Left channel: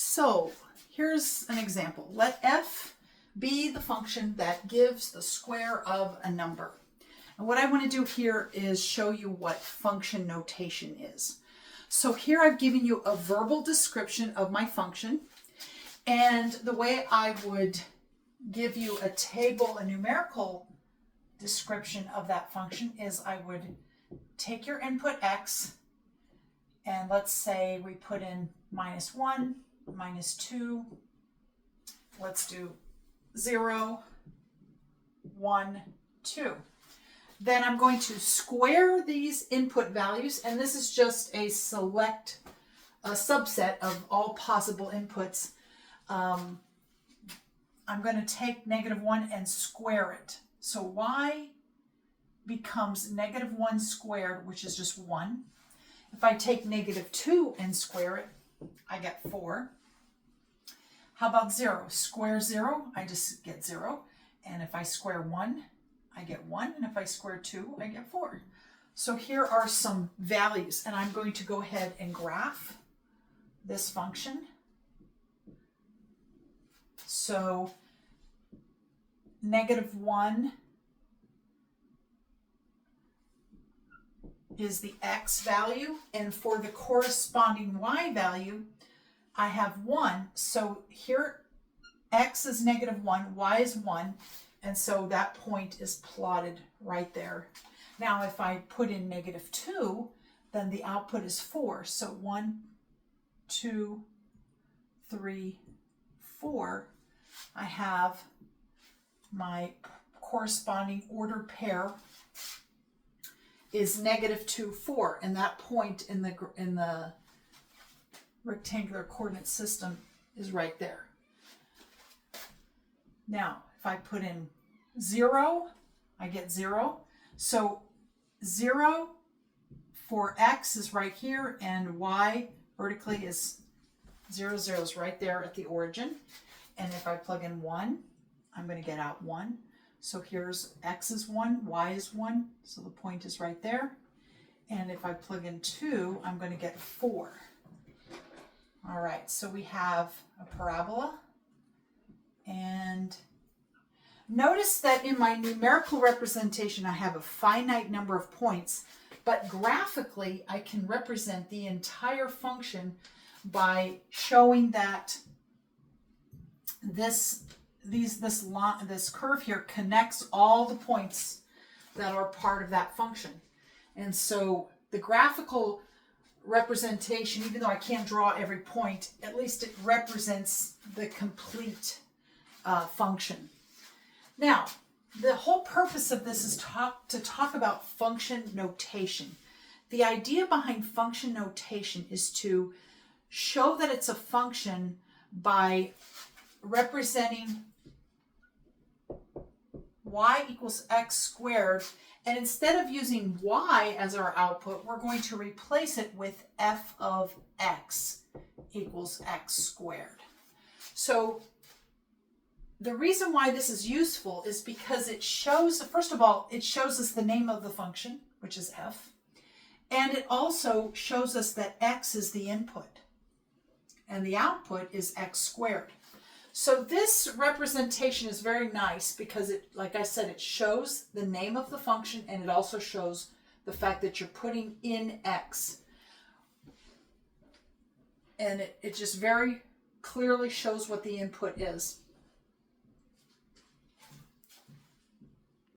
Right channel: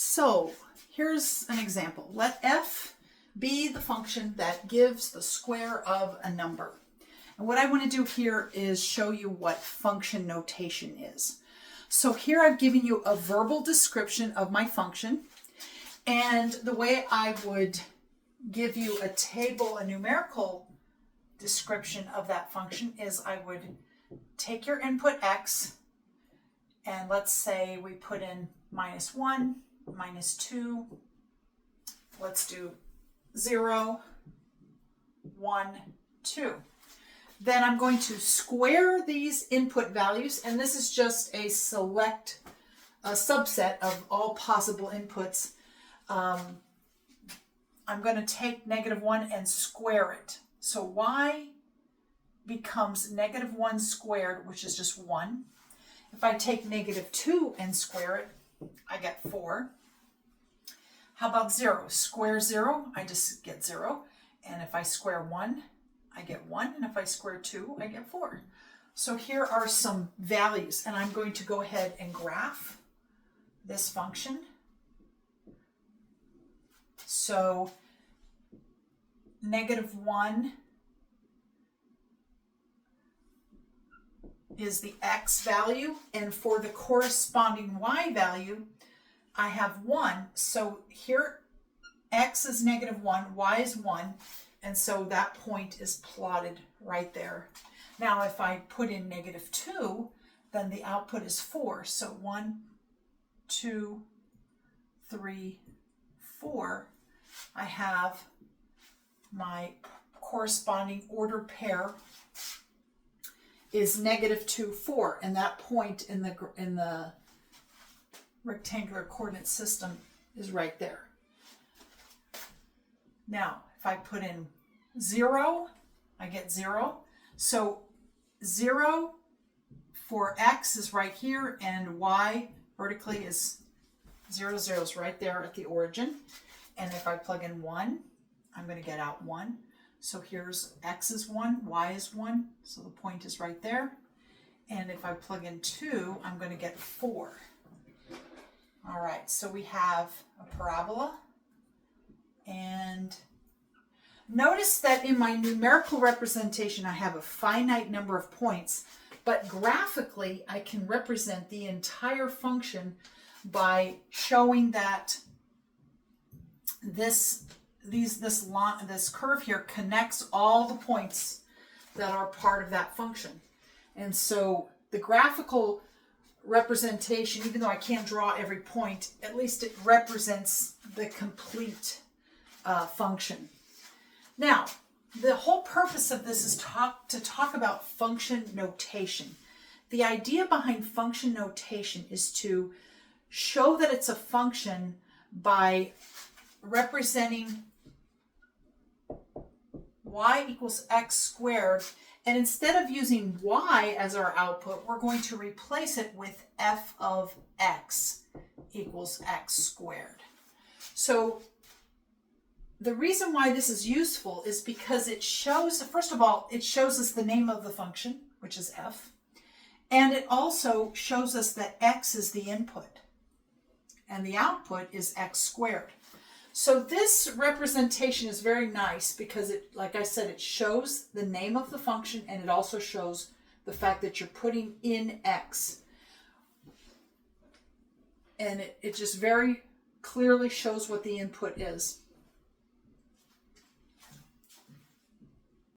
So here's an example. Let f be the function that gives the square of a number. And what I want to do here is show you what function notation is. So here I've given you a verbal description of my function. And the way I would give you a table, a numerical description of that function is I would take your input x, and let's say we put in -1, -2, let's do 0, 1, 2. Then I'm going to square these input values, and this is just a subset of all possible inputs. I'm going to take -1 and square it. So y becomes -1 squared, which is just 1. If I take -2 and square it, I get 4. How about 0? Square 0, I just get 0. And if I square 1, I get 1. And if I square 2, I get 4. So here are some values, and I'm going to go ahead and graph this function. So -1 is the x value, and for the corresponding y value, I have 1. So here x is -1, y is 1, and so that point is plotted right there. Now if I put in -2, then the output is 4. So 1, 2, 3, 4. I have my corresponding ordered pair is -2, 4, and that point in the rectangular coordinate system is right there. Now, if I put in 0, I get 0. So 0 for x is right here, and y vertically is 0, 0 is right there at the origin. And if I plug in 1, I'm going to get out 1. So here's x is 1, y is 1, so the point is right there. And if I plug in 2, I'm going to get 4. All right, so we have a parabola. And notice that in my numerical representation, I have a finite number of points, but graphically, I can represent the entire function by showing that this curve here connects all the points that are part of that function. And so the graphical representation, even though I can't draw every point, at least it represents the complete function. Now, the whole purpose of this is to talk about function notation. The idea behind function notation is to show that it's a function by representing y equals x squared, and instead of using y as our output, we're going to replace it with f of x equals x squared. So the reason why this is useful is because it shows, first of all, it shows us the name of the function, which is f, and it also shows us that x is the input and the output is x squared. So this representation is very nice because it, like I said, it shows the name of the function, and it also shows the fact that you're putting in x. And it just very clearly shows what the input is.